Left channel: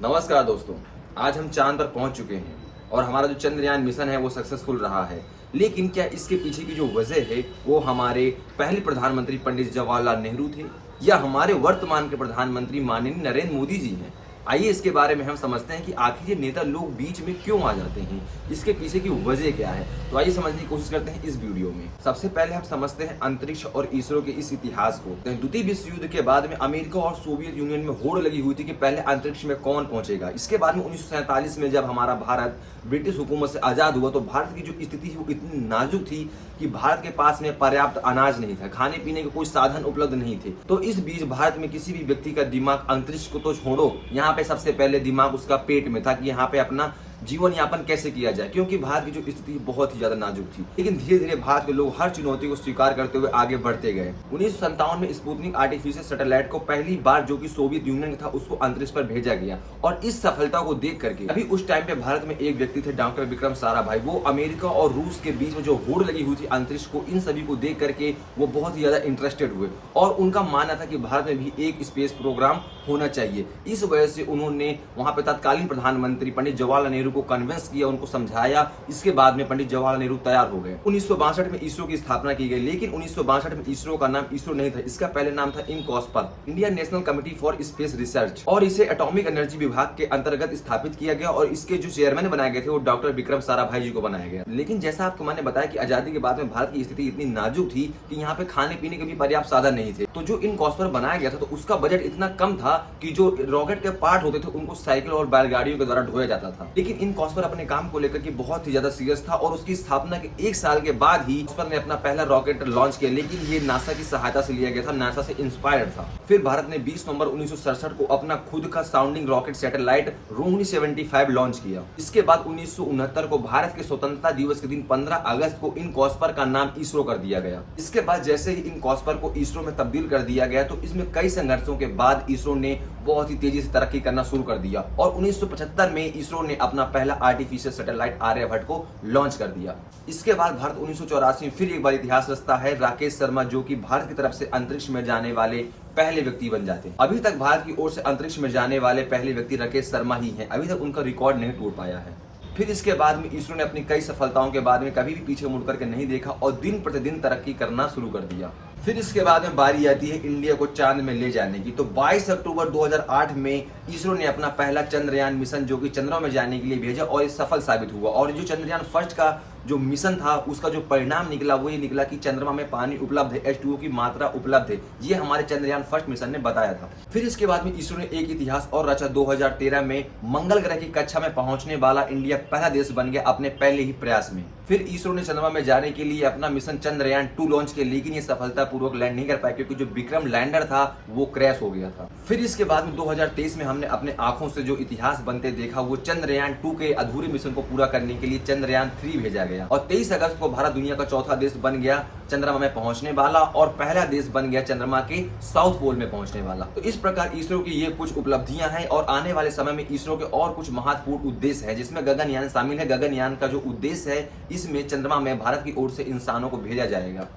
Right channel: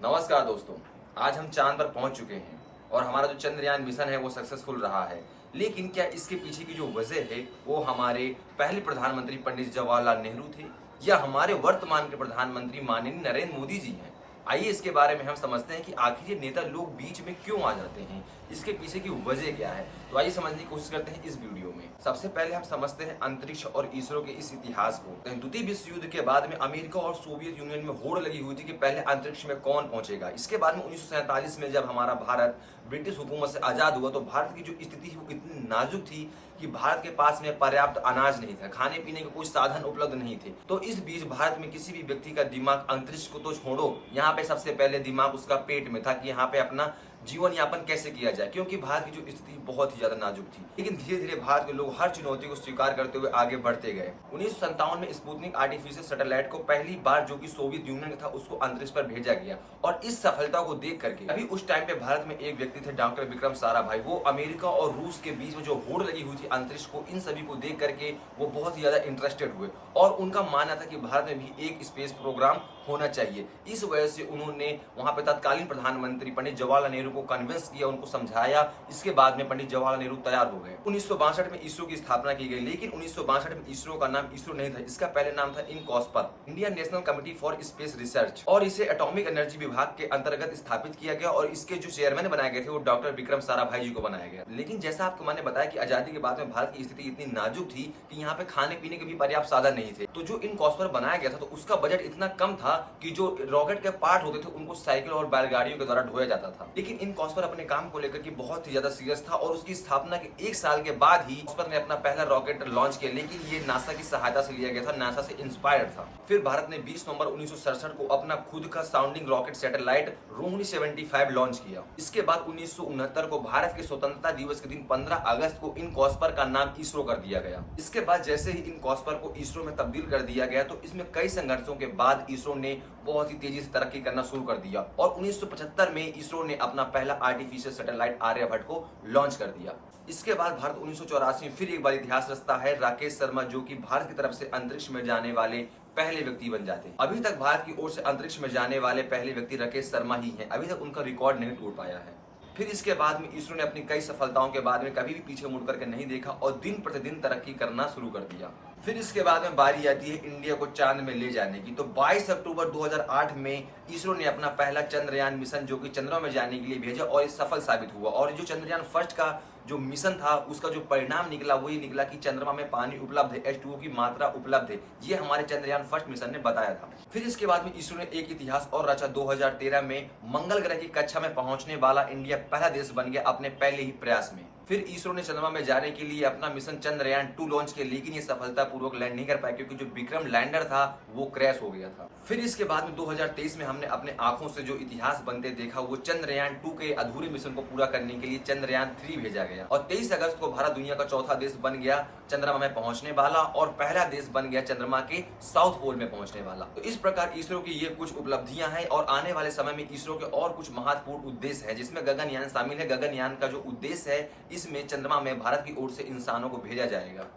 नमस्कार दोस्तों, आज हम चांद पर पहुंच चुके हैं और हमारा जो चंद्रयान मिशन है वो सक्सेसफुल रहा है। लेकिन क्या इसके पीछे की जो वजह है वो हमारे पहले प्रधानमंत्री पंडित जवाहरलाल नेहरू थे या हमारे वर्तमान के प्रधानमंत्री माननीय नरेंद्र मोदी जी हैं? आइए इसके बारे में हम समझते हैं कि आखिर ये नेता लोग बीच में क्यों आ जाते हैं, इसके पीछे की वजह क्या है। तो आइए समझने की कोशिश करते हैं इस वीडियो में। सबसे पहले हम समझते हैं अंतरिक्ष और इसरो के इस इतिहास को। द्वितीय विश्व युद्ध के बाद में अमेरिका और सोवियत यूनियन में होड़ लगी हुई थी कि पहले अंतरिक्ष में कौन पहुंचेगा। इसके बाद में 1947 में जब हमारा भारत ब्रिटिश हुकूमत से आजाद हुआ तो भारत की जो स्थिति है वो इतनी नाजुक थी कि भारत के पास में पर्याप्त अनाज नहीं था, खाने पीने के कोई साधन उपलब्ध नहीं थे। तो इस बीच भारत में किसी भी व्यक्ति का दिमाग अंतरिक्ष को तो छोड़ो, यहाँ पे सबसे पहले दिमाग उसका पेट में था कि यहाँ पे अपना जीवन यापन कैसे किया जाए, क्योंकि भारत की जो स्थिति बहुत ही ज्यादा नाजुक थी। लेकिन धीरे धीरे भारत के लोग हर चुनौती को स्वीकार करते हुए आगे बढ़ते गए। 1957 में स्पुतनिक आर्टिफिशियल सैटेलाइट को पहली बार, जो कि सोवियत यूनियन था, उसको अंतरिक्ष पर भेजा गया। और इस सफलता को देख करके अभी उस टाइम पे भारत में एक व्यक्ति थे डॉक्टर विक्रम साराभाई। वो अमेरिका और रूस के बीच में जो होड़ लगी हुई थी अंतरिक्ष को, इन सभी को देख करके वो बहुत ही ज्यादा इंटरेस्टेड हुए और उनका मानना था कि भारत में भी एक स्पेस प्रोग्राम होना चाहिए। इस वजह से उन्होंने वहां पे तत्कालीन प्रधानमंत्री पंडित जवाहरलाल नेहरू को कन्विंस किया, उनको समझाया। इसके बाद में पंडित जवाहरलाल नेहरू तैयार हो गए। 1962 में इसरो की स्थापना की गई, लेकिन 1962 में इसरो का नाम इसरो नहीं था, इसका पहले नाम था INCOSPAR, Indian national committee for space research, और इसे एटॉमिक एनर्जी विभाग के अंतर्गत स्थापित किया गया और इसके जो चेयरमैन बनाए गए थे वो डॉक्टर विक्रम साराभाई जी को बनाया गया। लेकिन जैसा आपको मैंने बताया कि आजादी के बाद में भारत की स्थिति इतनी नाजुक थी कि यहाँ पे खाने पीने के भी पर्याप्त साधन नहीं थे। तो जो इनकॉस्पर बनाया गया था तो उसका बजट इतना कम था कि जो रॉकेट के पार्ट होते थे उनको साइकिल और बैलगाड़ियों के द्वारा ढोया जाता था। लेकिन इनकॉस्पर अपने काम को लेकर के बहुत ही ज्यादा सीरियस था और उसकी स्थापना के 1 साल के बाद ही इस पर ने अपना पहला रॉकेट लॉन्च किया। लेकिन ये नासा की सहायता से लिया गया था, नासा से इंस्पायर्ड था। फिर भारत ने 20 नवंबर 1967 को अपना खुद का sounding rocket satellite Rohini 75 launch किया। इसके बाद 1969 को भारत के स्वतंत्रता दिवस के दिन 15 अगस्त को इनकॉस्पर का नाम इसरो कर दिया गया। इसके बाद जैसे ही इनकॉस्पर को इसरो में तब्दील कर दिया गया तो इसमें कई संघर्षों के बाद इसरो ने बहुत ही तेजी से तरक्की करना शुरू कर दिया और 1975 में इसरो ने अपना पहला आर्टिफिशियल सैटेलाइट आर्यभट्ट को लॉन्च कर दिया। इसके बाद भारत 1984 में फिर एक बार इतिहास रचता है। राकेश शर्मा, जो कि भारत की तरफ से अंतरिक्ष में जाने वाले पहले व्यक्ति बन जाते हैं। अभी तक भारत की ओर से अंतरिक्ष में जाने वाले पहले व्यक्ति राकेश शर्मा ही हैं। अभी तक उनका रिकॉर्ड नहीं टूट पाया है। फिर इसके बाद में इसरो ने अपनी कई सफलताओं के बाद में कभी भी पीछे मुड़ करके नहीं देखा और दिन प्रतिदिन तरक्की करना शुरू कर दिया। फिर इसके बाद में बारी आती है इंडिया को चांद में ले जाने की। तो 22 अक्टूबर 2008 में इसरो ने अपना पहला चंद्रयान मिशन, जो कि चंद्रमा में जाने के लिए भेजा और ये सफल साबित हुआ। और जो चंद्रयान फर्स्ट का जो मिशन था उसका जो परिणाम निकला वो ये निकला कि चंद्रमा में पानी उपलब्ध है, H2O की मात्रा उपलब्ध है। ये हमारे चंद्रयान फर्स्ट मिशन ने बताया था। फिर इसके बाद में इसरो ने एक इतिहास और रचा। 2013 में मंगल ग्रह की कक्षा में पहुंचने वाला इंडिया पहला देश बन गया अपने पहले ही प्रयास में। फिर इसरो ने चंद्रमा में जाने के लिए अपना मिशन चंद्रयान 2 लॉन्च किया, लेकिन ये सफलतापूर्वक लैंड नहीं कर पाया क्योंकि जो विक्रम लैंडर था वो क्रैश हो गया था। फिर इसके बाद में 2023 में हमने अपने आंखों से जो इतिहास बनते देखा वो चंद्रयान 2 के अधूरे मिशन को पूरा करने के लिए चंद्रयान 3 भेजा गया और 23 अगस्त को भारत दुनिया का चौथा देश बन गया चंद्रमा में पहुंचने वाला और पहला देश बन गया चंद्रमा के साउथ पोल में पहुंचने वाला। तो इस प्रकार इसरो की ये कुछ उपलब्धियां हैं और आने वाले समय में इसरो के और कुछ महत्वपूर्ण उद्देश्य है, जिसमें गगनयान शामिल है। गगनयान का जो उद्देश्य है इसमें चंद्रमा में भारत की ओर से इंसानों को भेजा जाएगा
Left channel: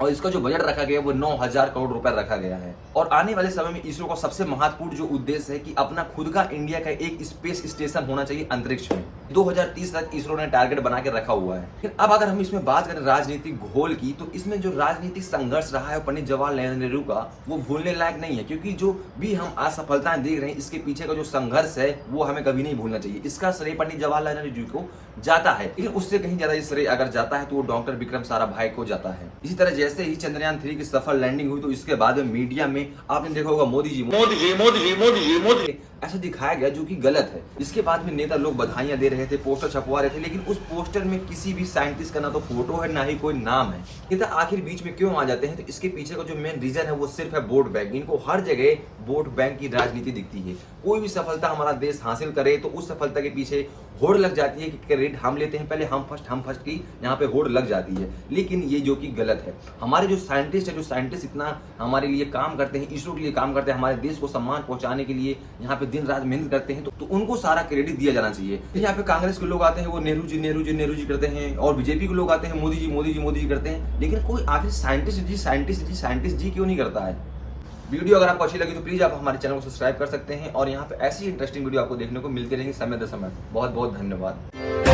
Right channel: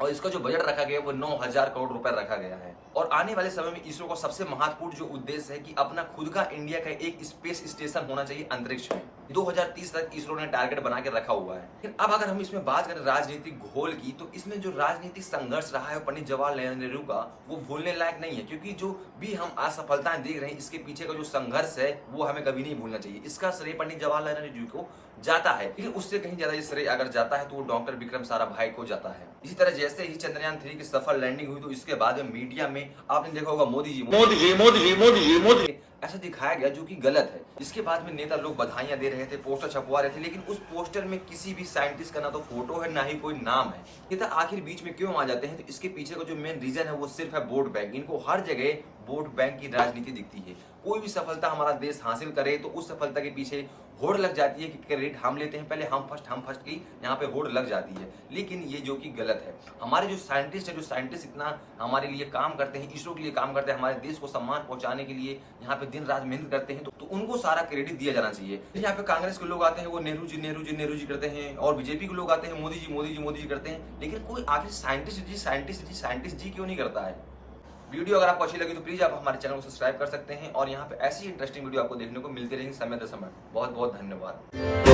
और इसका जो बजट रखा गया वो 9,000 करोड़ रुपए रखा गया है। और आने वाले समय में इसरो का सबसे महत्वपूर्ण जो उद्देश्य है कि अपना खुद का इंडिया का एक स्पेस स्टेशन होना चाहिए अंतरिक्ष में। 2030 तक इसरो ने टारगेट बना के रखा हुआ है। अब अगर हम इसमें बात करें राजनीतिक घोल की, तो इसमें जो राजनीतिक संघर्ष रहा है पंडित जवाहरलाल नेहरू का वो भूलने लायक नहीं है, क्योंकि जो भी हम असफलताएं देख रहे हैं इसके पीछे का जो संघर्ष है वो हमें कभी नहीं भूलना चाहिए। इसका श्रेय पंडित जवाहरलाल नेहरू जी को जाता है, लेकिन उससे कहीं ज्यादा श्रेय अगर जाता है तो वो डॉक्टर विक्रम साराभाई को जाता है। इसी तरह जैसे ही चंद्रयान 3 की सफल लैंडिंग हुई तो इसके बाद में मीडिया में आपने देखा होगा मोदी जी मोदी जी मोदी जी मोदी जी मोदी ऐसा दिखाया गया, जो कि गलत है। इसके बाद में नेता लोग बधाइयां दे रहे थे, पोस्टर छपवा रहे थे, लेकिन उस पोस्टर में किसी भी साइंटिस्ट का ना तो फोटो है ना ही कोई नाम है। नेता आखिर बीच में क्यों आ जाते हैं? तो इसके पीछे का जो मेन रीजन है वो सिर्फ है वोट बैंक। इनको हर जगह वोट बैंक की राजनीति दिखती है। कोई भी सफलता हमारा देश हासिल करे तो उस सफलता के पीछे होड़ लग जाती है कि क्रेडिट हम लेते हैं, पहले हम फर्स्ट की यहाँ पे होड़ लग जाती है। लेकिन ये जो कि गलत है। हमारे जो साइंटिस्ट है, जो साइंटिस्ट इतना हमारे लिए काम करते हैं, इसरो के लिए काम करते हैं, हमारे देश को सम्मान पहुंचाने के लिए यहाँ पे दिन रात मेहनत करते हैं, तो उनको सारा क्रेडिट दिया जाना चाहिए। यहाँ पे कांग्रेस के लोग आते हैं वो नेहरू जी नेहरू जी नेहरू जी करते हैं और बीजेपी के लोग आते हैं मोदी जी मोदी जी मोदी जी करते हैं, लेकिन कोई आखिर साइंटिस्ट जी क्यों नहीं करता है? वीडियो अगर आपको अच्छी लगी तो प्लीज आप हमारे चैनल को सब्सक्राइब कर सकते हैं और यहाँ पे ऐसी इंटरेस्टिंग वीडियो आपको देखने को मिलती रहेंगी समय दर समय। बहुत बहुत धन्यवाद।